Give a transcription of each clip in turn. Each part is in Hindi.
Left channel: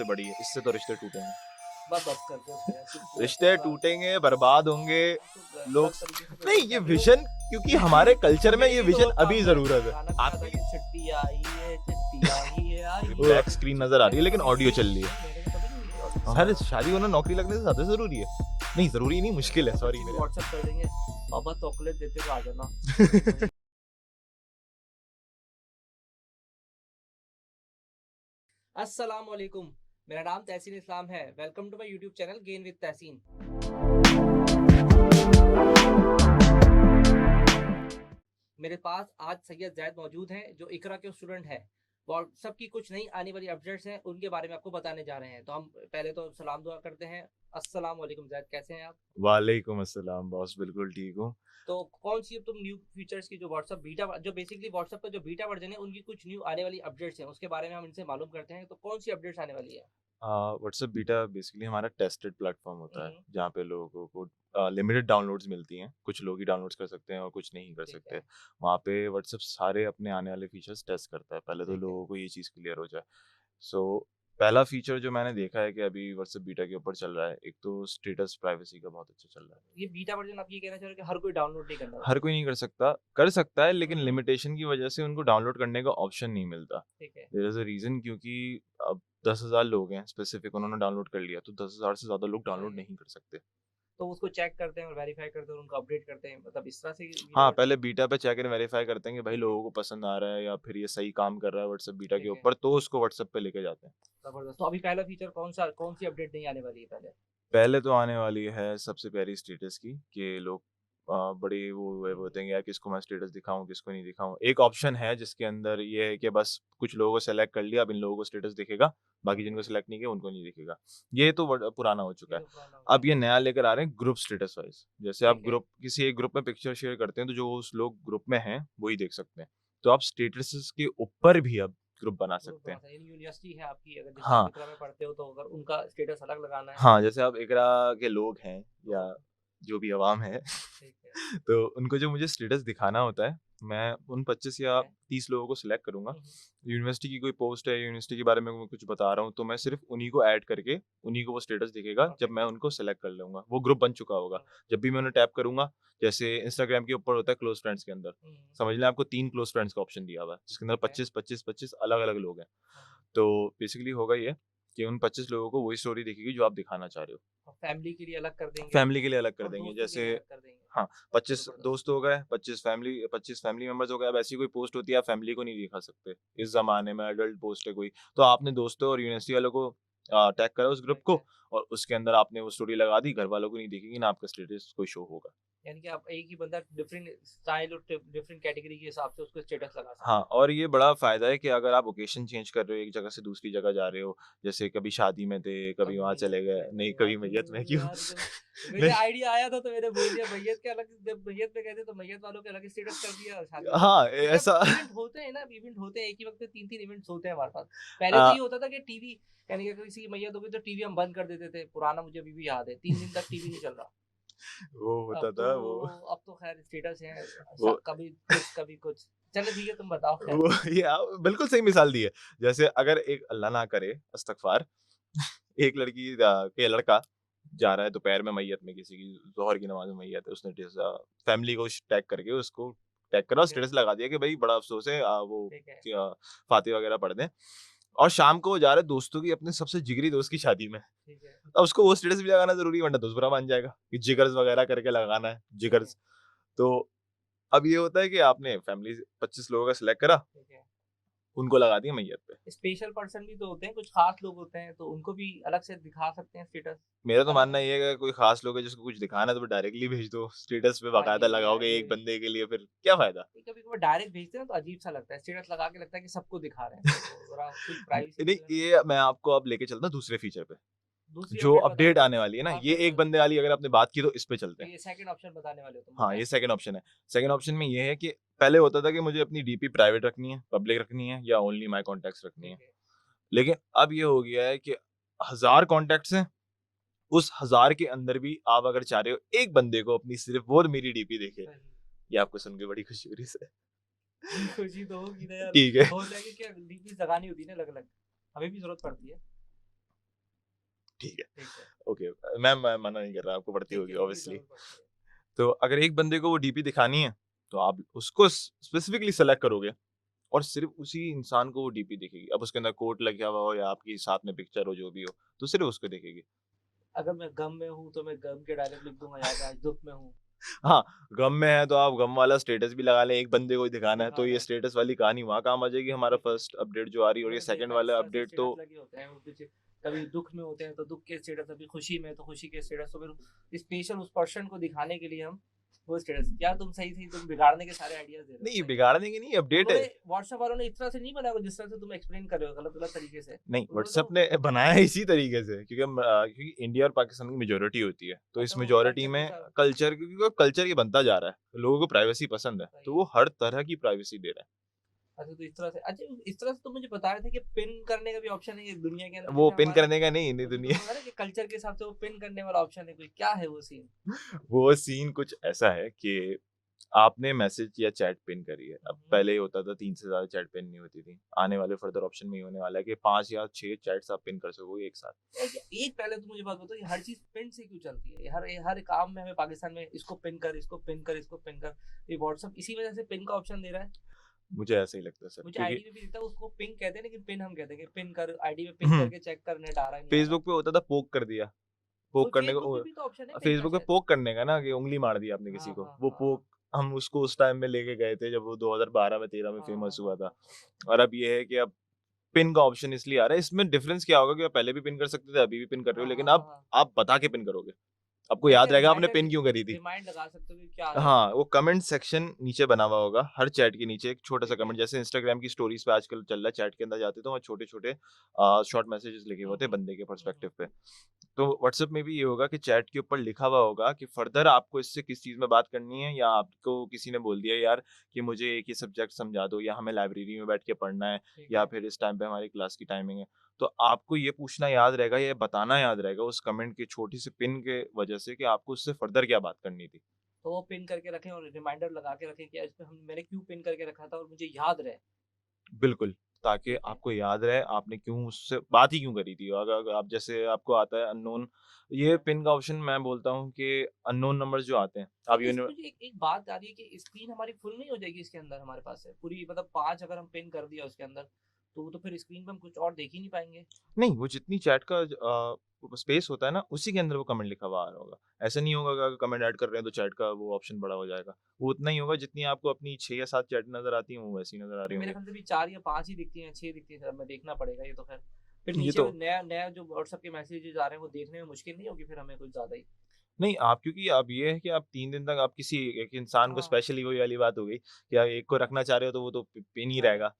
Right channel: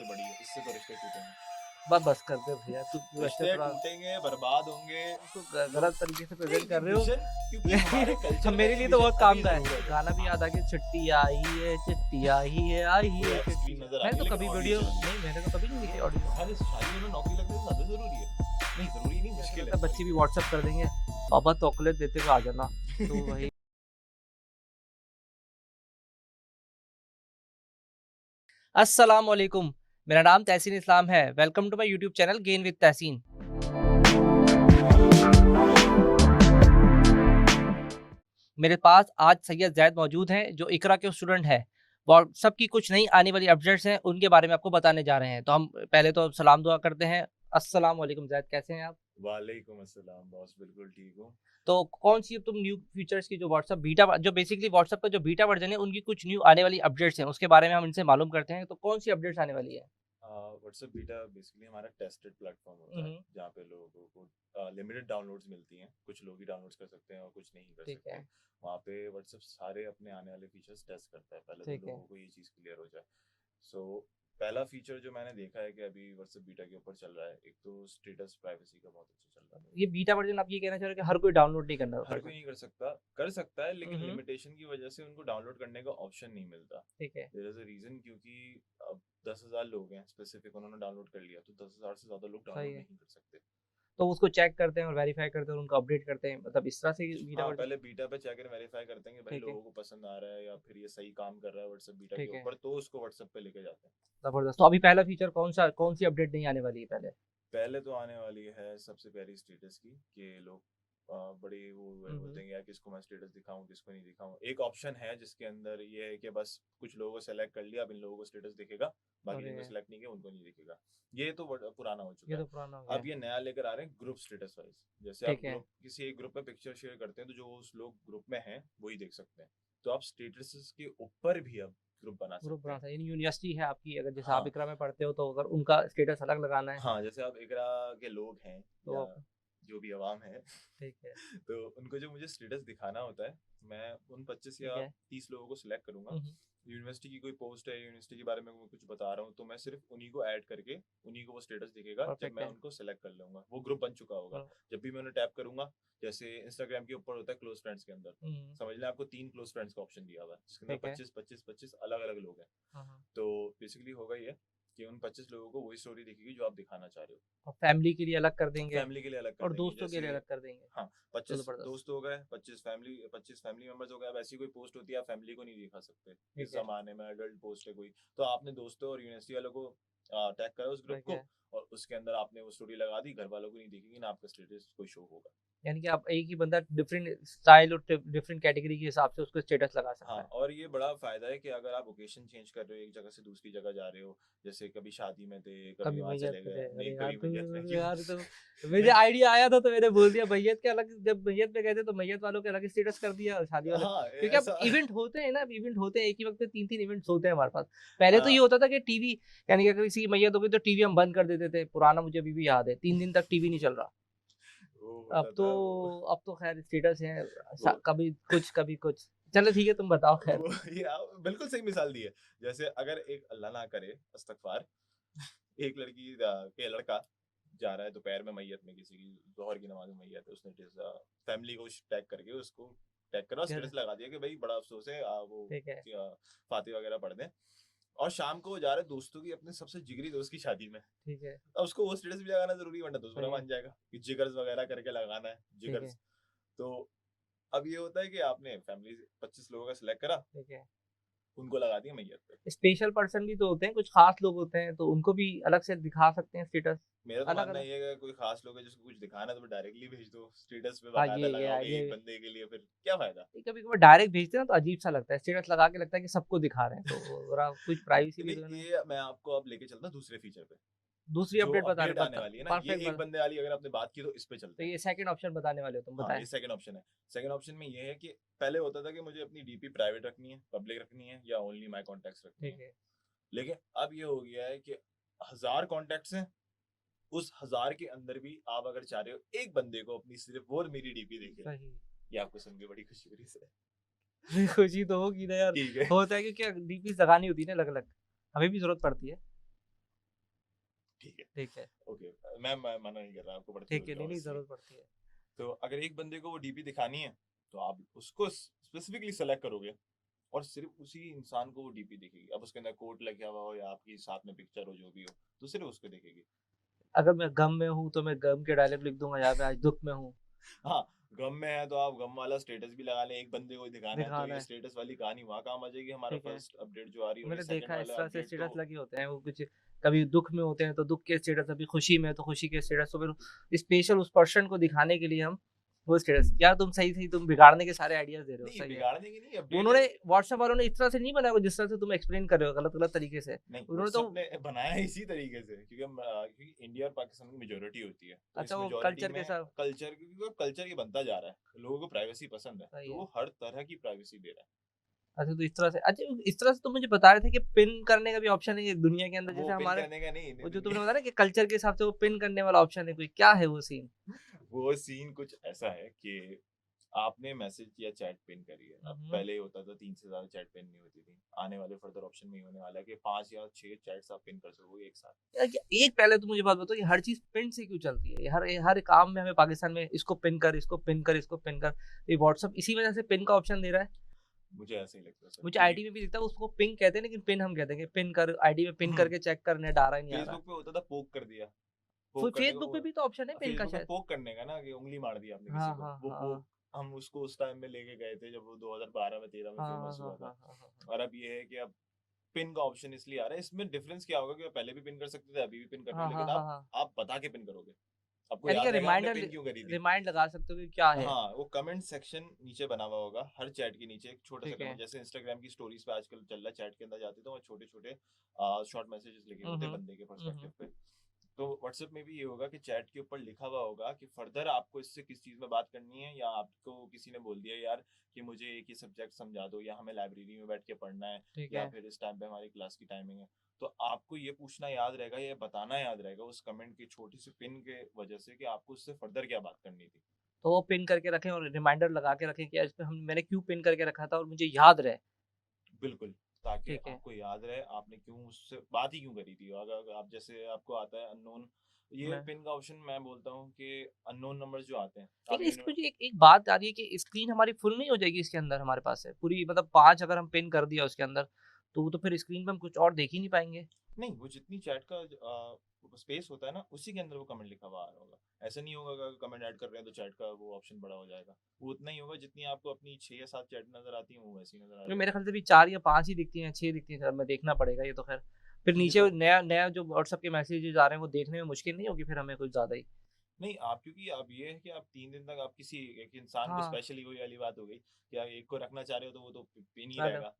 सबसे बड़ी है, इससे तो रिश्ते टूटेंगे। बस कर दो भैया, तू ऐसे रिश्ते थोड़ा टूटेंगे, बर्बाद होंगे तू लोग। गलत तरीके से नहीं, प्रेजेंट ये कर रहे हो। विजन, क्योंकि हमारे कल्चर में मेरे ये लिए तो विजन बहुत अभी काम का है। जरूरत है। गाना भी याद आ गया, चिट्ठी आई है, चिट्ठी आई है, आई है ब्लैक चिट्ठी। स्क्रीन नजर आ रही है, मैंने तो लेकिन कभी ऑडियो वीडियो चल रही है। नहीं, मैंने तो कभी नहीं देखी ऑडियो। हर शादी होना नौकरी लगने से ज्यादा जरूरी है। नहीं जरूरी नहीं, मुश्किल है, बच्चे भी सॉरी। व्हाट्सएप कर देंगे, पापा चॉकलेट देते हुए आ जाना, तो वही। अस्सलाम वालेकुम, मेरा नाम तहसीन इस्लाम है। Welcome to my YouTube channel gain with Tahseen. मेरे पास आज सैयद ज़ैद मौजूद हैं जो इकरा के स्टूडेंट हैं। व्हाट्सएप की कुछ नई आने वाली अपडेट्स हैं, उनके बारे में आपको बताने जा रहे हैं। तो हम पहले तो सलाम दुआ करते हैं। अस्सलाम वालेकुम ज़ैद, कैसे हैं आप? वालेकुम अस्सलाम बॉस, बिल्कुल ठीक हूँ। तो कौन सी अब तुम न्यू फीचर्स की जो व्हाट्सएप बीटा जो बेसिकली व्हाट्सएप का जो बीटा वर्जन है उनकी कुछ न्यू आने वाली अपडेट्स हैं, उसके बारे में हम इनसे मालूम करते हैं। तो कौन सी अपडेट्स आने वाली है? व्हाट्सएप बीटा बेसिकली हमारा टेस्टेड प्लेटफॉर्म होता है, हम्म, जहाँ पे लोगों को लिमिटेड डाउनलोड्स मिलती हैं। कुछ लोग ही डाउनलोड्स कर सकते हैं और कुछ नहीं कर ठीक सकते। है, वहाँ पे व्हाट्सएप सारे अपने आने वाले फीचर्स टेस्ट करता है, पहले तो ठीक है। लोगों को ये चीज़ क्लियर हो जाए। सो पहला फीचर जो मैंने देखा है कि अभी व्हाट्सएप बीटा के ऊपर चल रहा है, एक तो स्टेटस प्राइवेसी का बहुत अच्छा चल रहा है। ये बीटा वर्जन आप ये कहना चाह रहे हो कि हर कोई डाउनलोड नहीं करना हर उसे? कोई नहीं कर सकता है, लेकिन हम्म, लिमिटेशन की वजह से उनको डाउनलोड करने का ऑप्शन नहीं मिलता। ठीक है, देयर इज अ रीजन, क्योंकि अब 10,000 लोग हैं स्पेसिफिक, उन्होंने डाउनलोड कर लिया, तो 10,000 से ज्यादा लोग सही डाउनलोड है। नहीं कर सकते। तो उसको चेक करते हैं और वेरीफाई करते हैं और उनको अपडेट करते हैं, मतलब इस तरह से बीटा हाँ, वर्जन। पहले बीटा पे चेक एंड वेरीफाई करते हैं कि भाई ठीक है, लोगों को पसंद आ रहा है या फिर ये सही काम कर रहा है व्हाट्सएप बीटा के ठीक है, ऊपर, तो उसको व्हाट्सएप पे लेके जाते हैं। जबरदस्त। तो अभी पहला फीचर कौन सी अपडेट नहीं आने वाली है पहले? पहले तो आने वाली है सबसे प्यारी स्टेटस की, कि लोग बड़े वो होते हैं यार, किसको मैं स्टेटस दिखाऊं किसको नहीं दिखाऊं। एक ऑप्शन है जिसके अंदर ये है कि बस कुछ लोगों को सेलेक्ट कर लिया, अब इन लोगों को स्टेटस दिखेगा, बाकी जिनको बढ़िया है, सेलेक्ट नहीं किया उनको नहीं दिखेगा। ये तो पुराना हो ये चुका है। तो पुराना हो गया। अब ये नया लेकर आ रहे हैं ग्रुप स्टेटस वाइज। जैसे आप ठीक है, ग्रुप किसी एक ग्रुप में पिक्चर शेयर करते हैं, तो जो उस लोग ग्रुप में हैं वही देख सकते हैं। तो आप स्टेटस के ऊपर भी अब ग्रुप बना ग्रुप सकते बना हैं। सा यूनिवर्सिटी है आपकी, अगर जैसे आप हाँ, इकरा में पढ़ते हो तो अगर उनका स्टेटस अलग लगाना है हाँ, जैसे आप इकरा के लोग हैं तो या जो भी अवाम है, ठीक है, तो उनको जो मुझे स्टेटस दिखाना होता है, मैं उन 25 ठीक या है। 30 लोगों को सिलेक्ट करूंगा। हम्म, यूनिवर्सिटी की कोई पोस्ट है, यूनिवर्सिटी के बारे में मैं कुछ बता रहा हूँ, तो मैं सिर्फ उन्हीं को ऐड करके उन्हीं को वो स्टेटस दिखेगा जब परफेक्ट मैं है। उनको सेलेक्ट कर लूंगा, वो ग्रुप बन चुका होगा। जब भी मैं उन्हें टैप करूंगा, जैसे इंस्टाग्राम के ऊपर होता है क्लोज फ्रेंड्स के अंदर, हम्म, समझ लें आपको 3 क्लोज फ्रेंड्स का ऑप्शन दिया हुआ है, जिसके अंदर ठीक है। 25 अलग अलग लोग हैं। हाँ, तो बेसिकली होगा ये कि उन 25 लोगों को वही स्टोरी दिखेगी जो आप दिखाना चाह रहे हो। और फैमिली के लिए अलग कर देंगे फैमिली के लिए अलग कर और देंगे, दोस्तों के जैसे लिए अलग कर देंगे। हाँ, चलो 25 बड़ा दोस्त हो गए, 25 फैमिली मेंबर्स हो गए। अब ऐसी कोई पोस्ट होती है आप फैमिली को नहीं दिखा सकते, ठीक इस है, जमाने में एडल्ट पोस्ट है कोई, तो आपने दोस्तों और यूनिवर्सिटी वालों को टैग करा उस ग्रुप ठीक को, है। और उसके अंदर आपने वो स्टोरी लगा दी, घर वालों को नहीं दिखेगी ना आपका स्टेटस कोई शो होगा। यानी कि आप एक ही बंदा डिफरेंट स्टाइल और डिफरेंट कैटेगरी के हिसाब से उसको स्टेटस लगा हाँ, सकता है। और ये बड़ा फ़ायदा है कि अगर आप लोकेशन चेंज कर रहे हो, एक जगह से दूसरी जगह जा रहे हो, जैसे कभी शादी में थे, कभी कभी वहाँ मैयत चले पे गए, थे, नहीं अरे यार कभी मैयत में, क्यों? यार तो मुझे नहीं, आइडिया आया था तो मैंने बोल दिया मैयत के अलग, जब मैयत पे गए थे तो मैयत वालों के अलग स्टेटस कर दिया और शादी वालों हाँ, क्योंकि अब ऐसा इवेंट होते हैं ना, अब इवेंट होते हैं एक ही वक्त पे 3-3 इवेंट्स होते हैं हमारे पास। पहले तो अ, ये होता था कि टीवी, यानी कि अगर किसी की मैयत हो गई तो टीवी हम बंद कर देते थे, पुराना मुझे अभी भी याद है, 3 दिन तक टीवी नहीं चल रहा। वो अब होता तो था वो अब तो खैर स्टेटस है, वो कभी कुछ। चलो ठीक है, तुम बताओ खैर। वो ये बिल्कुल सही मिसाल दी है। जैसे अगर एक अल्लाह ना करे, अस्तगफार, एक लड़की के लड़का जा रहा है दोपहर में मैयत में, किसी की ज़ोहर की नमाज़ में मैयत है, उसने फैमिली को टैग करके उसको टैग करा और ठीक स्टेटस लगा दिया कि भाई बड़ा अफ़सोस है, वो ठीक है, क्या फातिहा वगैरह पढ़ दें। और शाम को वो जा रहा है दोस्तों की, अपने सबसे जिगरी दोस्त की शादी में। ठीक है, अब उसको वो स्टेटस भी लगाना ज़रूरी है, वरना दोस्त बुरा सही है, मान जाएगा कि जिगर्स वगैरह करके लगाना है, ठीक है, जिगर्स। तो अब ये होता है कि आपने फैमिली 25 लोगों का सिलेक्ट करा, ठीक है। उनको लगा दिया मैयत पे। स्पेशल पर्सन भी तो होते हैं, कुछ खास लोग होते हैं, तो उनको भी अलग से दिखा सकते हैं स्टेटस, मेरा तो मानना अलग-अलग। ये है कि कोई खास लोग है जिसको कुछ दिखाना है तो डायरेक्टली भेज दो, स्टेटस पे हाँ, बाकायदा ये लगाओगे आइडिया एक भी बंदे के लिए, फिर क्या फायदा? कभी-कभार डायरेक्ट भेजते हैं ना तो अजीब-सा लगता है, स्टेटस लगा के लगता है कि सबको दिखा रहे हैं, तो वो थोड़ा कुछ प्राइवेसी भी नहीं, तो है ना। ये मैं आपको अब लेके चलता हूँ दूसरे फीचर पे, दूसरी जो अपडेट बता अपडेट रहे आने थे, वाली है ना, ये परफेक्ट एक बर बंदे वाली अगर आपने बात की तो इस पे चलते तो हैं। ये सेकंड ऑप्शन बताने वाले हो तुम, हाँ, बताएँ? ये सेकंड ऑप्शन है। सेकंड ऑप्शन में ये है कि पहले होता था कि मुझे अपनी डीपी प्राइवेट रखनी है, पब्लिक रखनी है या ओनली माय कॉन्टैक्ट्स रखनी है। ठीक है, लेकिन अब ये हो गया है कि 1000 कॉन्टैक्ट्स हैं, उस 1000 के अंदर भी आप अगर चाह रहे हो एक बंदे को अपनी सिर्फ वो मेरी डीपी देखे, सही। ये आपको सुन के बड़ी खुशी हो रही है। खुशी तो होगी ना यार, ठीक है। होता है कि क्या डीपी लगानी होती है ना अलग-अलग, हमें भी ज़रूरत पड़ती है। ठीक है, ठीक है, ओके, मैं मना नहीं कर रहा, आपको पड़ती ठीक है, होगी नहीं ऑब्वियसली। ज़रूरत पड़ती है। तो अगर एक बंदे को वो डीपी दिखानी है, तो आप उसको स्पेसिफिकली सेलेक्ट करोगे और सिर्फ उसी इंसान को वो डीपी दिखेगी। अब उसके अंदर कोट लगा हुआ हो या आपकी साथ में पिक्चर हो जो भी हो, तो सिर्फ उसको दिखेगी। अगर मैं गम में हूँ, तो मैं गम के डायलॉग लिख दूँगा, या मैं आज दुःख में हूँ, हाँ, गम में है तो आप गम वाला स्टेटस भी लगा लें, एक बंदे को ही दिखाना है तो दिखाना ये है, स्टेटस वाली कहानी वहाँ काम आ जाएगी, हमारा ठीक है। फर्स्ट अपडेट जो आ रही है और ये मैंने सेकंड देखा है इस वाला तरह से अपडेट तो स्टेटस लगे होते हैं, वो कुछ कभी दुःख में होते हैं तो दुःख के स्टेटस, अभी खुशी में है तो खुशी के स्टेटस, तो फिर स्पेशल उस पर्सन को दिखाने के लिए हम वो स्टेटस, क्या तुम सही तुम बिगाड़ने के सारे आइडियाज़ दे रहे हो, नहीं सही है। बिगाड़ने की नहीं, अपडेट उन्होंने है। व्हाट्सएप वालों ने इस तरह से नहीं बनाया होगा जिस तरह से तुम एक्सप्लेन कर रहे हो गलत-गलत तरीके से। नहीं, उन्होंने तो व्हाट्सएप ने बनाया इसी तरीके से क्योंकि क्योंकि इंडिया और पाकिस्तान की मेजॉरिटी होती है, तो इस अच्छा वो मेजॉरिटी कल्चर के में साथ कल्चर, क्योंकि वो कल्चर ये बनता जा रहा है, लोगों को प्राइवेसी पसंद है, सही तो है। वो हर तरह की प्राइवेसी दे रहा अच्छा तो इस तरह से तुम मुझे बता रहे थे कि पिन करने का भी ऑप्शन है ये दुनिया के है। अंदर, वो जैसे पिन हमारे करने का नहीं, नहीं वो जो दुनिया तुमने बताया ना कि कल्चर के हिसाब से वो पिन करने वाला ऑप्शन है कोई, क्या है वो सीन? वो सीन कुछ ऐसा है कि आपने मैसेज या चैट पिन करी है। अब हुँ, पहले ये होता था 3 से ज़्यादा चैट पिन नहीं होती थी। आने वाले फर्दर ऑप्शन में ये होने वाला है कि 5 या 6 चैट्स आप पिन कर सकोगे एक साथ। यार एक पहले तो मुझे बात बताओ कि हर चीज़ पिन से क्यों चलती है? हर काम में हमें पाकिस्तान में इसको पिन कर, इसको पिन कर, इसको पिन कर। ये व्हाट्सएप इसी वजह से पिन का ऑप्शन दे रहा है। मुझे ऐसा ही लगता है सर, मुझे क्योंकि आईडी में भी दिखता है उसको पिंग कहते हैं, लेकिन पिन हम कहते हैं कि पिन कर, आईडी में पिन करके चेक कर, नेट आ रहा है नहीं आ रहा। फेसबुक पे होता था पोक कर दिया। वो पोक करने फेसबुक को पे भी तो ऑप्शन है पिन का फेसबुक पे शायद। पोक करने का ना, कि उँगली मार दी आपने किसी हाँ, को। हाँ, वो हाँ, हाँ। पोक हम उसको उस टाइम में लेके गए थे जब वो 2012 में 13 में हाँ, हाँ, फेमस हाँ, हुआ हाँ, था। हाँ, हाँ, हाँ। और अब ये है कि अब पिन का ऑप्शन इसलिए आ रहा है। इसमें डिफरेंस क्या होगा कि आप पहले भी पिन कर सकते थे, अभी भी पिन कर रहे हो, हाँ, लेकिन हाँ, हाँ, अब हाँ। आप बता के पिन करोगे। आपको यानी याद क्या रहेगा आपने पिन क्यों करी थी। रिमाइंड लगा सकते हो कि क्या है? हाँ, वो कमेंट सेक्शन नीचे बना हुआ होगा, हर चैट के नीचे एक छोटा-सा ठीक है। कमेंट, जैसे इंस्टाग्राम की स्टोरीज़ पे आजकल चल रहा है, चैट के अंदर जाते हो तो वहाँ छोटे-छोटे शॉर्ट मैसेजेस लिखे हुँ, होते हैं हुँ। बंदे के हुँ, पर्सपेक्टिव हुँ। पे। तो व्हाट्सएप में भी ये होगा कि चैट के ऊपर लिखा हुआ होगा कि फर्दर आपको इससे किस चीज़ में बात करनी है, या आपको किसी ने बोल दिया यार कि मुझे एक ही सब्जेक्ट समझा दो, या हमें लाइब्रेरी में बैठ के पढ़ना है, ठीक या है। फिर इस टाइम पे हमारी क्लास की टाइमिंग है। तो आपको ये पूछना याद रहेगा, ये बताना याद रहेगा उस कमेंट की छोटी सी पिन के वजह से कि आपको उससे फर्दर क्या बात करनी थी। तो वो पिन करके रखें और रिमाइंडर लगा के रखें कि आज पे हम मैंने क्यों पिन करके रखा था और मुझे याद रहे। बिल्कुल, ताकि ठीक है। आपको याद रहे आपने क्यों उससे बात ही क्यों करी थी। अगर अगर आप जैसे आपको आता है अननोन, ये हाँ। पिन का ऑप्शन मैं बोलता हूँ कि अननोन नंबर्स जो आते हैं, आप लेकिन इसमें मुझे एक एक बात आ रही है कि स्क्रीन हमारी फुल नहीं हो जाएगी इसके अंदर हमारे पास से? पूरी मतलब 5 अगर हम पिन कर दिया उसके अंदर, तो वो तो फिर स्क्रीन पे हम कुछ और देख ही नहीं पाएँगे। नहीं, वो जितनी चैट का स्पेस होता है ना, उसी के अंदर वो कमेंट लिखा हुआ आ रहा होगा। ऐसा नहीं होगा कि अगर कमेंट ऐड कर रहे हैं तो चैट का वो ऑप्शन बड़ा हो जाएगा। वो उतना ही होगा जितनी आपको अपनी 6 या 7 चैट नज़र आती हैं, वो वैसी नज़र आ अरे रही मेरे होंगी। ख्याल से भी 4 या 5 ही दिखती हैं, 6 दिखती हैं शायद, मैं देखना पड़ेगा ये तो ख़ैर। फिर ये नीचे तो वो नया नया जो व्हाट्सएप के मैसेजेस आ रहे हैं वो देखने में मुश्किल नहीं होगी फिर हमें कुछ ज़्यादा ही? नहीं, आप क्योंकि अब ये है कि आप 3 दिन तक आप किसी एक इंसान को, हाँ, स्पेशली वही वाली बात हो गई कि आप एक को रखना चाह रहे हो तो वो तो पिन ही अच्छा, रहेगा।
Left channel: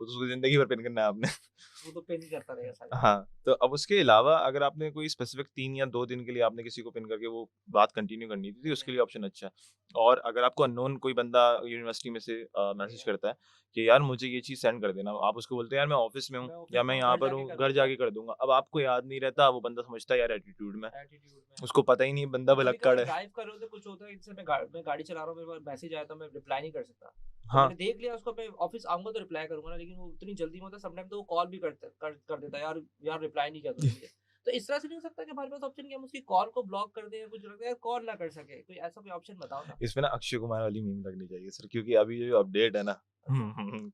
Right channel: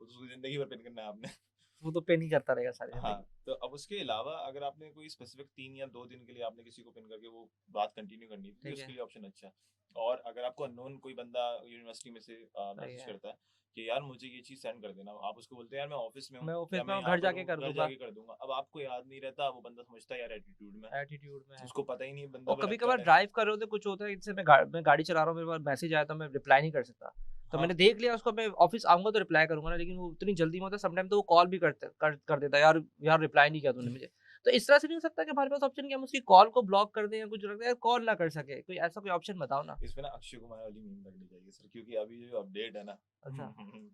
वो तो उसको ज़िंदगी भर पिन करना है आपने। वो तो पिन ही करता रहेगा सारे के सारे। हाँ, तो अब उसके अलावा अगर आपने कोई स्पेसिफिक 3 या 2 दिन के लिए आपने किसी को पिन करके वो बात कंटिन्यू करनी थी, ठीक उसके है, लिए ऑप्शन अच्छा है। और अगर आपको अननोन कोई बंदा यूनिवर्सिटी में से सही मैसेज है। करता है कि यार मुझे ये चीज़ सेंड कर देना, आप उसको बोलते हैं यार मैं ऑफ़िस में हूँ मैं या ऑफ़िस में मैं हूँ, यहाँ घर पर जाके हूँ, कर घर दूँगा, जाके कर दूँगा। अब आपको याद नहीं रहता, वो बंदा समझता है यार एटीट्यूड में है, एटीट्यूड में है। उसको पता ही नहीं बंदा और भुलक्कड़ कभी-कभार है। ड्राइव कर रहे होते कुछ होता है, जैसे मैं गाड़ी चला रहा हूँ, मेरे पास मैसेज आया तो मैं रिप्लाई नहीं कर सकता। तो हाँ, मैंने देख लिया उसको, मैं ऑफ़िस आऊँगा तो रिप्लाई करूँगा ना, लेकिन वो इतनी जल्दी में होता है समटाइम, तो वो कॉल भी कर देता है, यार यार रिप्लाई नहीं किया तूने मुझे। तो इस तरह से नहीं हो सकता कि हमारे पास ऑप्शन कि हम उसकी कॉल को ब्लॉक कर दें या कुछ रख दें, यार कॉल ना कर सके? कोई ऐसा कोई ऑप्शन बताओ ना। इसमें ना अक्षय कुमार वाली मीम लगनी चाहिए सर, क्योंकि अभी जो अपडेट है ना अच्छा,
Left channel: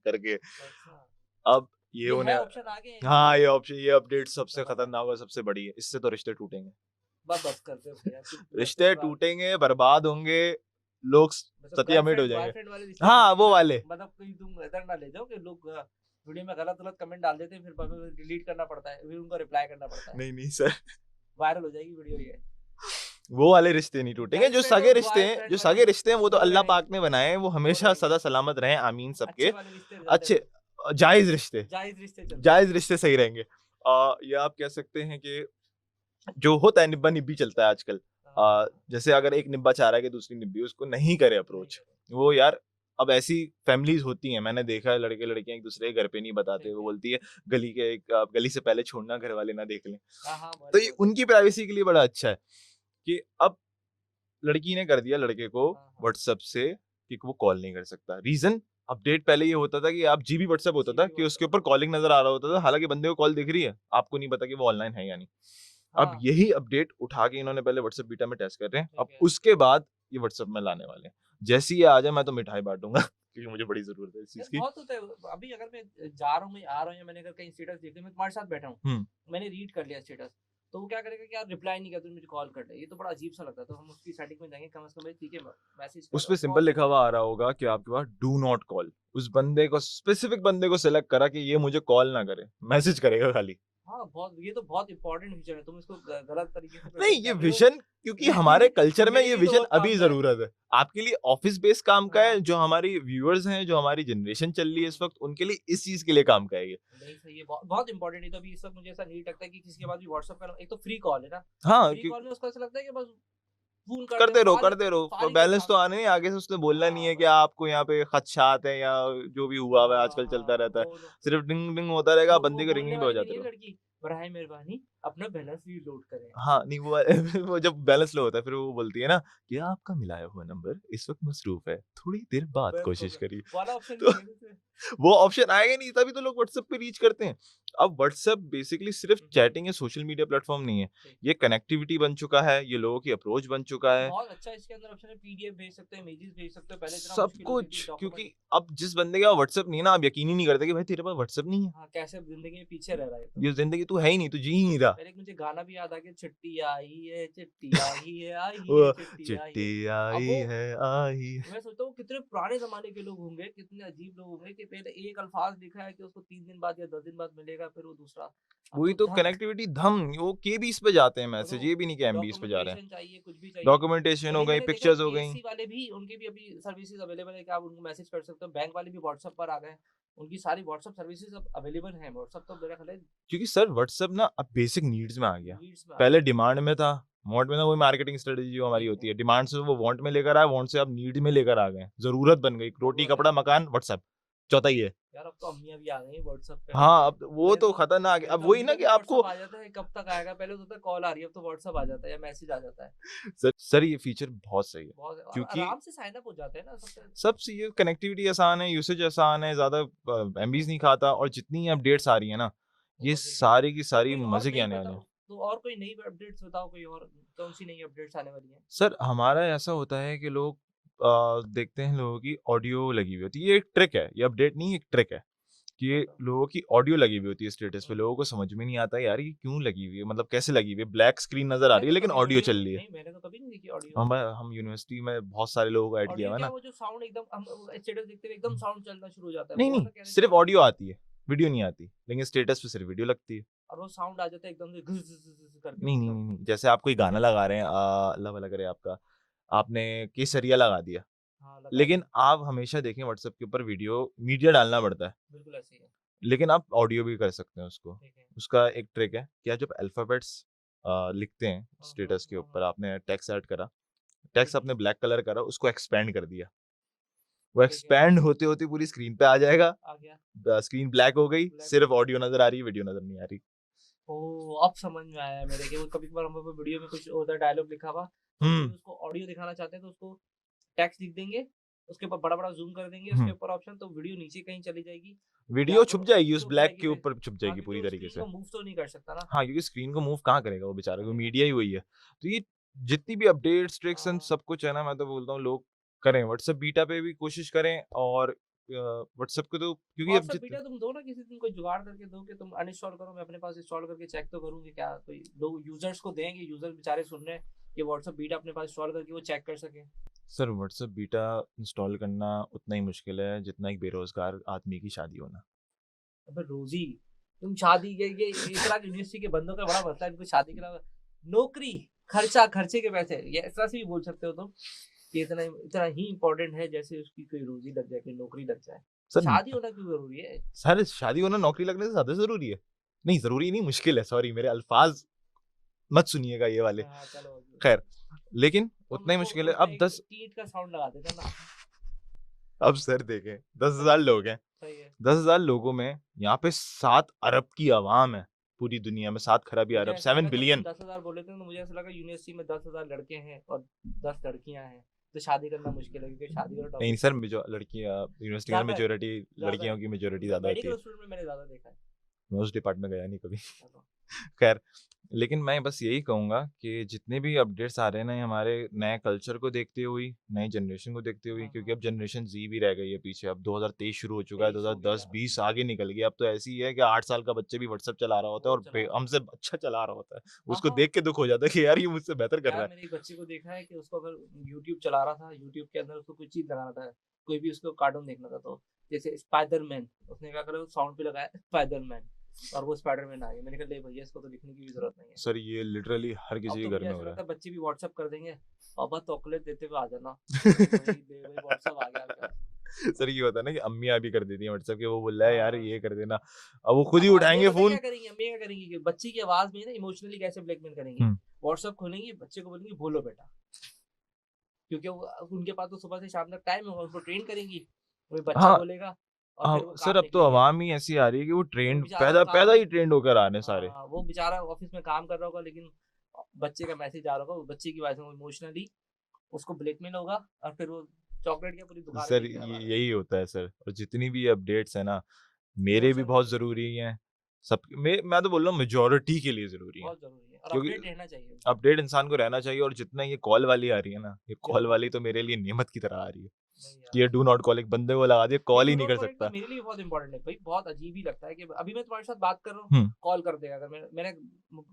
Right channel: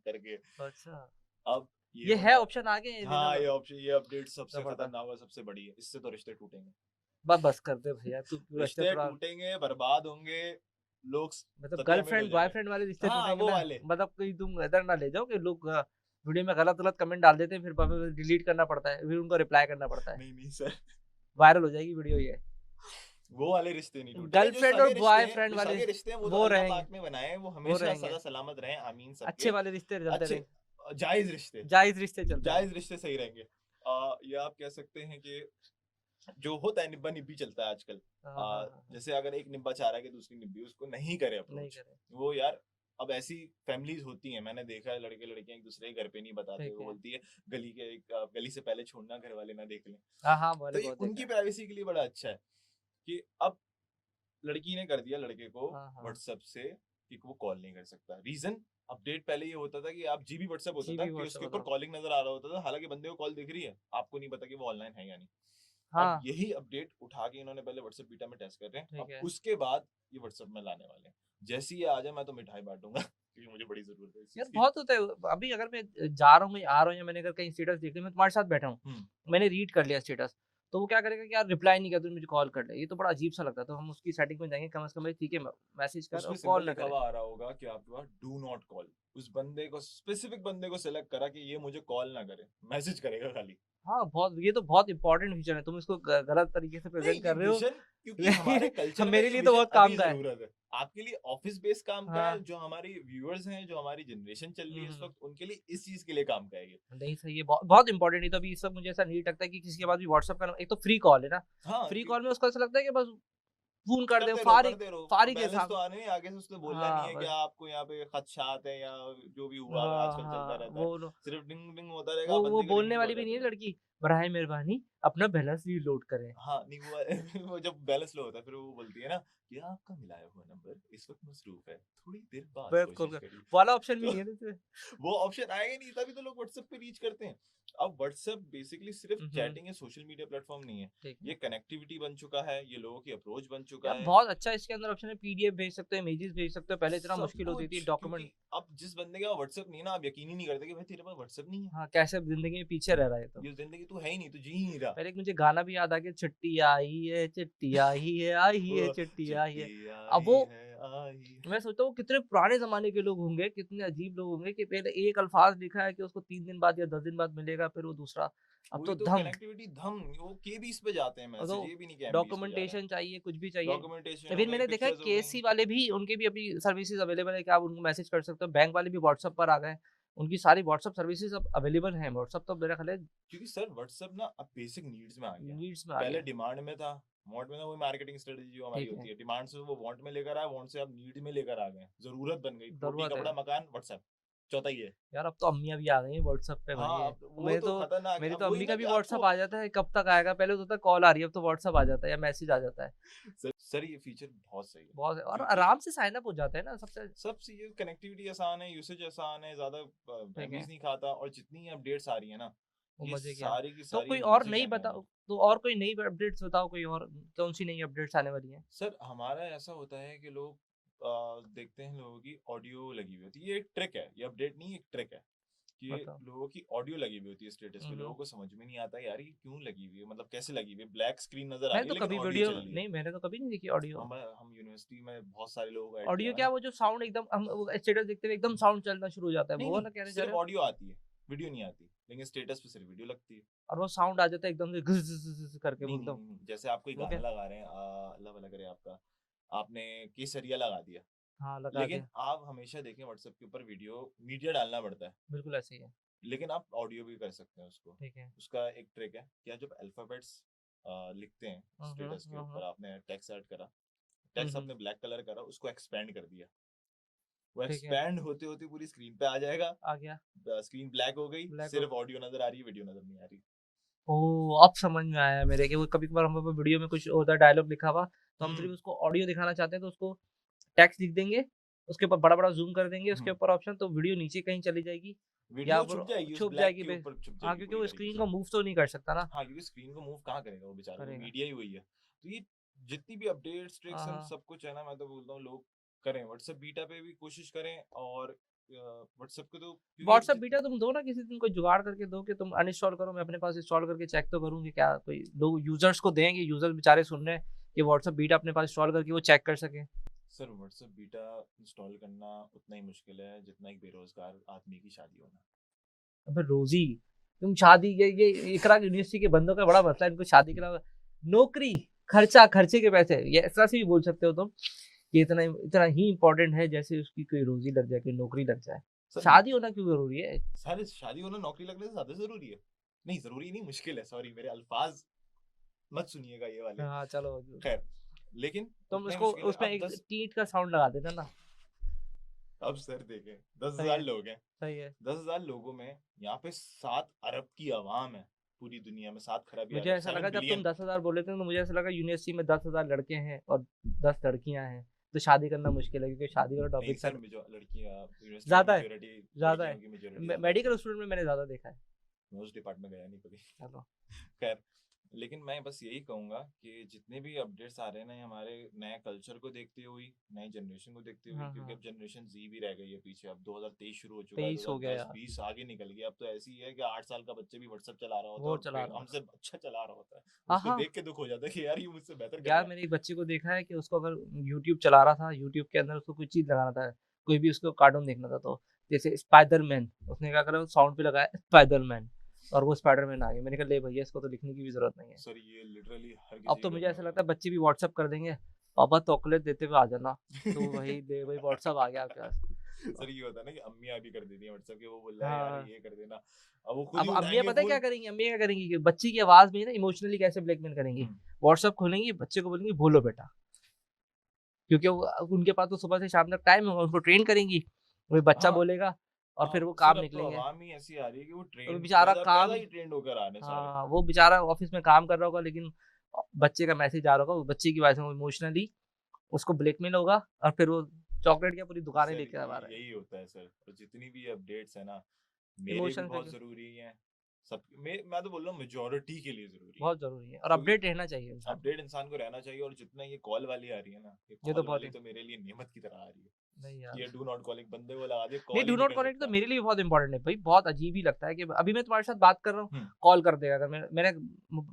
करके, अच्छा। अब ये ये होने, है ऑप्शन आगे हाँ, मतलब ये ऑप्शन, ये अपडेट सबसे ज़बरदस्त। खतरनाक और सबसे बड़ी है। इससे तो रिश्ते टूटेंगे। बस बस कर दे भैया, तू वैसे रिश्ते थोड़ा टूटेंगे, बर्बाद होंगे, लोग मतलब सतिया मिट हो गर्लफ्रेंड जाएँगे। बॉयफ्रेंड वाले रिश्ते हाँ, टूटेंगे वो ना, वाले। मतलब कहीं तुम इधर ना ले जाओ कि लोग वीडियो में गलत-गलत कमेंट डाल देते हैं, फिर बाद में डिलीट करना पड़ता है, फिर उनको रिप्लाई करना पड़ता है। नहीं, नहीं सर, वायरल हो जाएगी वीडियो ये। वो वाले रिश्ते नहीं टूटेंगे। गर्लफ्रेंड और जो बॉयफ्रेंड वाले सगे रिश्ते हैं वो तो वो अल्लाह रहेंगे, पाक ने बनाए हैं, वो वो हमेशा रहेंगे। सदा सलामत रहें, आमीन सबके। अच्छे वाले रिश्ते चलते अच्छे रहें, जायज़ रिश्ते, जायज़ रिश्ते चलते रहें। जायज़ रिश्ते सही रहेंगे। या आप कह सकते हैं कि जो होता है निब्बा-निब्बी चलता है आजकल। हाँ, हाँ, हाँ। जैसे अगर एक निब्बा चाह रहा है कि दूसरी निब्बी उसको नहीं करे नहीं अप्रोच। करें, वो यार, अब ऐसी फैमिलीज़ होती हैं, मैंने देखा है लड़के-लड़कियाँ एक-दूसरे के घर पे नहीं बताते। ठीक वो है। बोलती है गली से पहले छोड़ना, घर वाले ना देख लें। हाँ, हाँ, तो मैंने ये बहुत देखा उनकी है। प्राइवेसी के लिए बड़ा अच्छा है कि अब लड़की ने कर दिया लड़के को हाँ, हाँ। व्हाट्सएप से कि वो कॉल नहीं कर सकता। रीज़न, अपडेट पहले ये होता था कि आप जीबी व्हाट्सएप होता था जीबी कि व्हाट्सएप उसके ऊपर होता था। कॉलिंग नज़र आ रहा होता था, हालाँकि बंदे को कॉल दिख रही है, आपको नहीं पता कि वो ऑनलाइन है या नहीं। अब हाँ, यही अपडेट उठा के इन्होंने पहले व्हाट्सएप बीटा में टेस्ट कर रहे हैं, ठीक अब है। उसके बाद ये व्हाट्सएप में लाने वाले हैं। जैसे ही ये आ जाए मैं तो मिठाई बांटूंगा क्योंकि मुझे बड़ी जरूरत है इस यार चीज की। बहुत होता है, अभी अगर मैं जा रहा हूँ या आ रहा हूँ या मैंने अगर कहीं स्टेटस देख लिया, मैं तुम्हारे साथ बैठा हूँ, हम्म मैंने रीड कर लिया स्टेटस, तो वो क्या करेगा कि यार रिप्लाई नहीं किया तो मुझे कॉल कर ले, ये तो बड़ा अजीब सा लगता है। तो हम उसकी सेटिंग में जाएंगे, कम से कम भाई ठीक है मैसेज कर उस पे और सिंपल कॉल ना लिखा करे। हुआ आ रहा होगा कि आपके पास डू नॉट कॉल। उस बंदे को, स्पेसिफिक बंदे को सिलेक्ट करा कि ये मुझे कॉल ना करे, मैसेज करेगा खाली। हाँ, बहुत ये तो बहुत इंपॉर्टेंट फीचर है, तुम इसको गलत तरीके से नहीं, प्रेजेंट ये कर रहे हो। विजन, क्योंकि हमारे कल्चर में मेरे ये लिए तो विजन बहुत अभी काम का है। जरूरत है। आपके लिए ऑफिस बेस्ड काम का है, हाँ। जो हमारी व्यूअर्स हैं, जो हमारी जनरेशन चल रही है इस हम्म। वक्त, उनके लिए इस चीज के लिए काम का है ये। नहीं सही है, बहुत बहुत इंपॉर्टेंट है। तो अभी ये सब मुझे ऐसा नहीं लगता है कि किसी के पास भी व्हाट्सएप का एक तो फ्री कॉल है ना, हाँ, फ्री कॉल में उसको ऐसा लगता है कि बस फोन कर दे, करते रहो, तो फारिग है बैलेंस तो आने नहीं, आगे से उसने बोलना नहीं हाँ है कि बस। आपको यहाँ पे खदशात है या जो भी हुआ हुआ है हाँ आजकल चलता हाँ, रहता है। वो लो, सिर्फ डिंग डिंग होता रहेगा, आप वो बंदे के बोलने रिंगिंग वाली भी बजाते नहीं है रहो। लड़की, बराए मेहरबानी अपना बैलेंस रीलोड करें। हाँ, नहीं वो वो जब बैलेंस लो होता है फिर वो बोलती है ना कि आपका मिलाया हुआ नंबर इस वक्त मसरूफ है, थोड़ी देर बाद कोशिश करिए। वाला ऑप्शन भी तो नहीं है ना इसमें। वो ऑप्शन आएगा नहीं, तभी तो लोग व्हाट्सएप पे रीच करते हैं। अब व्हाट्सएप बेसिकली सिर्फ हम्म, चैटिंग या सोशल मीडिया प्लेटफॉर्म नहीं है, ठीक। ये कनेक्टिविटी बन चुका है, ये लोगों की अप्रोच बन चुका यार है। बहुत अच्छा इसके अंदर ऑप्शन है, पीडीएफ भेज सकते हो, इमेजेस भेज सकते हो, पहले इतना सब मुश्किल होती थी कुछ, डॉक्यूमेंट। क्योंकि अब जिस बंदे का व्हाट्सएप नहीं है ना, आप यकीन ही नहीं करते कि भाई तेरे पास व्हाट्सएप नहीं है। हाँ, कैसे जिंदगी में पीछे रह रहा है तो। ये जिंदगी तू है ही नहीं, तू जी ही नहीं रहा। पहले एक मुझे गाना भी याद आ गया, चिट्ठी आई है, चिट्ठी आई है, वो चिट्ठी आई चिट्ठी है। अब आई वो है, आई है। मैं सोचता हूँ कितने पुराने जमाने के लोग होंगे, कितने अजीब लोग होंगे कि पहले एक अल्फाज लिखा है कि उसको 3 दिन बाद या 10 दिन बाद मिलेगा, फिर वो दूसरा। अब वही तो तो धम। कनेक्टिविटी धम, वो केबीस पे जाते हैं अब तो मैसेज, ये भी नहीं कि एमबीस पे जा रहे हैं। डॉक्यूमेंटेशन चाहिए, कुछ भी चाहिए। डॉक्यूमेंटेशन हो इवन गई, मैंने देखा है पिक्चर्स हो गई। केएससी वाले भी, उनके भी अभी सर्विसेज अवेलेबल है कि आप उनको मैसेज कर सकते हो। बैंक वाले भी व्हाट्सएप पर आ गए हैं, उनकी सारी व्हाट्सएप सर्विसेज अब अवेलेबल है। व्हाट्सएप तो मेरा ख्याल है क्योंकि सर व्हाट्सएप ना अब बेसिक नीड्स में आ गया। नीड्स में आ पहले गया। डिमांड में था, वांट में था, वही मार्केटिंग स्ट्रेटजी जो हमारी ठीक होती है, है, डिमांड से वो वांट में लेकर आए, वांट से अब नीड में लेकर आ गए, जरूरत बन गई, रोटी जरूरत है। कपड़ा मकान व्हाट्सएप चौथा ही है। यार अब तो अम्मियाँ भी आ गई हैं व्हाट्सएप पे हाँ, मेरे। अब वो तो खतरनाक है, मेरी अब तो वही अम्मी ना का कि भी आपको। व्हाट्सएप आ जाता है, कब तक आएगा? पहले तो होता कॉल आ रही है, अब तो व्हाट्सएप आ जाता है या मैसेज आ जाता है। सर ये फीचर बहुत सही है, बहुत और क्योंकि आराम से साइन अप हो जाता है ना सबसे। सबसे ये कनेक्टिविटी आसान है, यूसेज आसान है, ज्यादा ठीक है, एमबीज नहीं खाता, और जितनी अपडेट्स आ रही है ना, वो ये मजे की है। सारी की तो सारी कोई और मजे की नई आने वाली है। बताओ, तो और कोई नई अपडेट्स बताओ, कोई और कौन सी नई अपडेट्स आने वाली हैं? सर हमारा ऐसा होता है कि लोग देखते हैं लोगों की ऑडियो लगी हुई होती है, ये एक ट्रिक है, ये अपडेट नहीं, एक ट्रिक है कि ये बताओ। लोगों की ऑडियो लगी हुई होती है स्टेटस पे, लोगों हम्म। को समझ में नहीं आता यार ये क्यों लगी हुई है, मतलब कैसे लगी हुई है, ब्लैक स्क्रीन नजर आ मैंने रही है तो लेकिन कभी ऑडियो वीडियो चल रही है। नहीं, मैंने तो कभी नहीं देखी ऑडियो। हम यूनिवर्सिटी में बहुत सारे लोगों को ऐड किया ऑडियो हुआ है क्या, ना। वो जो साउंड एकदम हम स्टेटस देखते हुए एकदम साउंड चलना शुरू हो जाता है, नहीं वो नहीं, वाला कहने जा सिर्फ रहे हो? ऑडियो आती है, वीडियो नहीं आती, लेकिन स्टेटस पे सिर्फ वीडियो लगती है। और वो साउंड आ जाता है एकदम से घुस करके वो नहीं नहीं एकदम। नहीं नहीं, जैसे आप कोई गाना फिर लगा रहे हैं, अल्लाह भला करे आपका, आपने केसरिया लगा दिया, हाँ, लगा लेकिन दिया। आप हमेशा देखें व्हाट्सएप के ऊपर वीडियो मीडिया डालना पड़ता है, बिल्कुल ऐसे ही है। लेकिन आप ऑडियो भी कर सकते हैं उसको। ठीक है। उसका एक ट्रिक है कि आप जब अल्फ़ाबेट्स लिखते हैं हुँ, हुँ, स्टेटस के हुँ, ऊपर, हुँ। आपने टेक्स्ट ऐड करा, हुँ, टेक्स्ट हुँ। आपने ब्लैक कलर करा, उसको एक्सपेंड कर दिया, वो ठीक है, एक्सपेंड होते-होते पूरी स्क्रीन पे आ जाएगा, आ गया। स्क्रीन ब्लैक हो गई, ब्लैक हो सिर्फ गया। ऑडियो नज़र आ रही है, वीडियो नज़र नहीं आ रही। ओह! अब समझ में आया मेरे कि वो कभी-कभार हम लोग वीडियो में कुछ होता है डायलॉग लिखा हुआ, तो हम कभी हुँ, उसको ऑडियो दिखाना चाहते हैं तो उसको टेक्स्ट लिख देंगे, उसके ऊपर बड़ा-बड़ा ज़ूम कर देंगे, उसके हुँ। ऊपर ऑप्शन तो वीडियो नीचे कहीं चली जाएगी या वीडियो फिर छुप जाएगी, उस छुप ब्लैक जाएगी के फिर। ऊपर छुप हाँ, जाएगी क्योंकि पूरी वो तरीके स्क्रीन से। को मूव तो नहीं कर सकता ना। हाँ, क्योंकि स्क्रीन को मूव कहाँ करेगा वो बेचारा, वो करेगा। मीडिया ही वही है। तो ये जितनी भी अपडेट्स, ट्रिक्स हाँ, एंड हाँ। सब कुछ है ना, मैं तो बोलता हूँ लोग करें। व्हाट्सएप बीटा पे भी कोशिश करें, और व्हाट्सएप को तो क्योंकि अब व्हाट्सएप जितने बीटा तुम दो ना, किसी दिन कोई जुगाड़ करके दो कि तुम अनइंस्टॉल करो, मैं अपने पास इंस्टॉल करके चेक तो करूँ कि क्या कोई लोग यूज़र्स को दें कि यूज़र बेचारे सुन रहे हैं कि व्हाट्सएप बीटा अपने पास इंस्टॉल करके वो चेक कर सकें। सर व्हाट्सएप बीटा इंस्टॉल करना उतना ही मुश्किल है जितना एक बेरोजगार आदमी की शादी होना। अबे रोज़ी, तुम शादी ये इकरा यूनिवर्सिटी के बंदों का बड़ा मसला है, इनको शादी के अलावा नौकरी, खर्चा, खर्चे के पैसे, ये इस तरह से भी बोल सकते हो तुम कि इतना ही इम्पोर्टेंट है जैसे उसकी कोई रोज़ी लग जाए, कोई नौकरी लग जाए। सर शादी होना क्यों ज़रूरी है? सर शादी होना नौकरी लगने से ज्यादा जरूरी है। नहीं, जरूरी नहीं, मुश्किल है, सॉरी मेरे अल्फाज मत सुनिएगा ये वाले। हाँ, चलो खैर, लेकिन तुम उतना ही उसको मुश्किल है। उसमें अब एक 10, टीट का साउंड लगा देना ना। अब सर देखें, सही 10,000 है, लोग हैं, सही है। 10,000 लोगों में यहाँ पे 7 अरब की आवाम है, पूरी दुनिया में 7 खरब मुझे अरब, ऐसा 7 लगा जब तुम बिलियन। 10,000 बोले थे तो मुझे ऐसा लगा यूनिवर्सिटी में 10,000 लड़के हैं और 10 लड़कियां हैं, तो शादी करना मुश्किल है क्योंकि शादी वाला नहीं टॉपिक सर, लड़कियाँ यूनिवर्सिटी में ज़्यादा है, मेजोरिटी, ज़्यादा लड़कियों है। की मेजोरिटी ज्यादा होती मेडिकल है। स्टूडेंट में मैंने ज़्यादा देखा है। मैं उस डिपार्टमेंट में गया नहीं कभी। चलो। खैर, लेकिन मैं बस यही कहूँगा कि जितने भी अपडेट्स आ रहे हैं ना, ये हमारे नए कल्चर को देखते हुए, नई जनरेशन को देखते हुए, हाँ, क्योंकि हाँ। अब जनरेशन ज़ी भी रह गई है पीछे। अब 2023 शुरू हो चुका है, 23 हो गया यार। 2010-20 आगे निकल गया। अब तो ऐसी ही है कि 8 साल का बच्चे भी व्हाट्सएप चला रहा होता है वो और चला रहा हमसे होता है। अच्छा चला रहा होता है। हाँ, उसको हाँ। देख के दुःख हो जाता है कि यार ये मुझसे बेहतर कर रहा यार है। मैंने एक बच्चे को देखा है कि उसको अगर यूट्यूब चला रहा था, यूट्यूब के अंदर उसको कोई चीज़ लगाना था, कोई भी उसको कार्टून देखना था तो जैसे स्पाइडरमैन, उसने क्या करा साउंड पे लगाया स्पाइडरमैन और वो स्पाइडरमैन आ गया। मैंने कहा ले भैया इसको तो लिखने की भी ज़रूरत नहीं है। सर ये लिटरली हर अब किसी तो के घर मुझे में ऐसा हो रहा लगता है। है बच्चे भी व्हाट्सएप कर देंगे, पापा चॉकलेट देते हुए आ जाना। तो वही दे भाई व्हाट्सएप आ गया आपके पास। सर ये होता है ना कि अम्मियाँ भी कर देती हैं व्हाट्सएप के, वो बोल रहा है यार हाँ। ये कर देना। अब वो खुद ही अब अम्मियाँ उठाएँगे पता है क्या फ़ोन। करेंगी? अम्मियाँ क्या करेंगी कि बच्चे की आवाज़ में ना इमोशनली कैसे ब्लैकमेल करेंगी? हुँ। व्हाट्सएप खोलेंगी, बच्चे को बोलेंगी बोलो बेटा। क्योंकि वो उनके पास तो सुबह से शाम तक टाइम होगा, उनको ट्रेन करेंगी। वही बच्चा हाँ, बोलेगा और फिर वो सर काम अब लिख तो लेंगे। अवाम ही ऐसी आ रही है कि वो तो वो ट्रेंड बेचारा पैदा पैदा काम ही ट्रेंड होकर आ रहे हैं सारे। हाँ, वो बेचारा ऑफ़िस में काम कर रहा होगा लेकिन बच्चे का मैसेज आ रहा होगा, वो बच्चे की वजह से वो इमोशनली उसको ब्लैकमेल होगा और फिर वो चॉकलेट की पूरी दुकान ही सर लेके ये आ रहा है। यही होता है सर, और जितनी भी अपडेट्स हैं ना, मेरे भी इमोशन पे बहुत ज़रूरी हैं। सब मैं तो बोल रहा हूँ मेजॉरिटी के लिए ज़रूरी हैं। बहुत ज़रूरी है और क्योंकि अपडेट रहना चाहिए इंसान। अपडेट इंसान को रहना चाहिए, और जितना ये कॉल वाली आ रही है ना, ये ये तो कॉल बहुत वाली तो मेरे लिए नेमत की तरह आ रही है। नहीं कि यार। ये डू नॉट कॉल एक बंदे को लगा दिया, नहीं, कॉल ही डू नहीं नॉट कर कॉल तो सकता। मेरे लिए भी बहुत इंपॉर्टेंट है भाई, बहुत अजीब ही लगता है कि अभी मैं तुम्हारे साथ बात कर रहा हूँ, हुँ, कॉल कर देगा अगर मैंने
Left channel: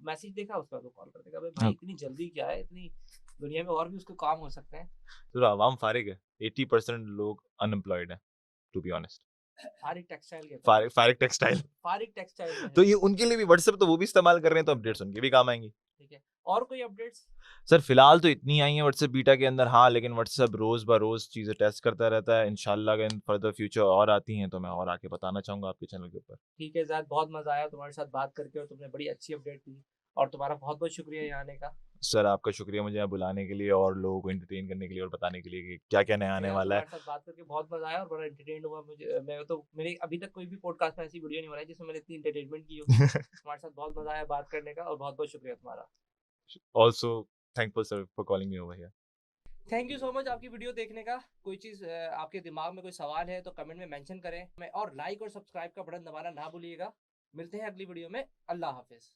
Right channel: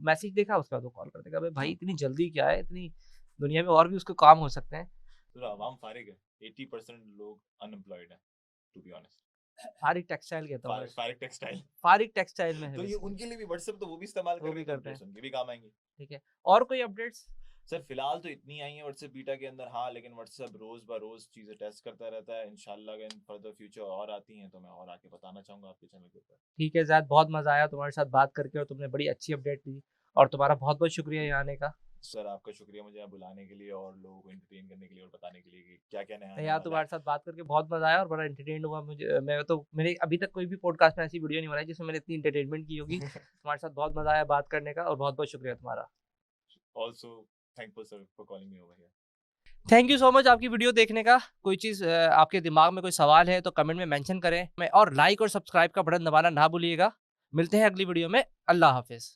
मैसेज देखा उसका तो कॉल कर देगा। अबे भाई हाँ, इतनी जल्दी क्या है? इतनी दुनिया में और भी उसके काम हो सकते हैं। तो अवाम फारिग है। 80% लोग अनएम्प्लॉयड हैं, टू बी ऑनेस्ट। फारिग टेक्सटाइल कहता हूँ मैं उसको। फारिग टेक्सटाइल। फारिग टेक्सटाइल में है तो वो, ये उनके लिए भी व्हाट्सएप, तो वो भी इस्तेमाल कर वो रहे भी हैं, तो करते हैं। अपडेट्स उनके भी काम आएँगी। ठीक है, और कोई अपडेट्स? सर फिलहाल तो इतनी आई हैं व्हाट्सएप बीटा के अंदर, हाँ, लेकिन व्हाट्सएप रोज़ ब रोज़ चीज़ें टेस्ट करता रहता है। इंशाल्लाह अगर इन फर्दर फ्यूचर और आती हैं तो मैं और आके बताना चाहूँगा आपके चैनल के ऊपर। ठीक है ज़ैद, बहुत मज़ा आया तुम्हारे साथ बात करके और तुमने बड़ी अच्छी अपडेट दी और तुम्हारा बहुत-बहुत शुक्रिया यहाँ आने का। सर आपका शुक्रिया मुझे यहाँ बुलाने के लिए और लोगों को एंटरटेन करने के लिए और बताने के लिए कि क्या-क्या नया नहीं आने यार, वाला है। तुम्हारे साथ बात करके बहुत मज़ा आया और बड़ा एंटरटेन्ड हुआ मुझे। मैं तो मैंने अभी तक कोई भी पॉडकास्ट में ऐसी वीडियो नहीं बनाई जिसमें मैंने इतनी एंटरटेनमेंट की होगी। तुम्हारे साथ बहुत मज़ा आया बात करने का और बहुत-बहुत शुक्रिया तुम्हारा। Also thankful sir for calling me over here. Thank you so much आपकी वीडियो देखने का। कोई चीज़ आपके दिमाग में कोई सवाल है तो कमेंट में मेंशन करें मैं और लाइक और सब्सक्राइब का बटन दबाना ना भूलिएगा। मिलते हैं अगली वीडियो में। अल्लाह हाफ़िज़।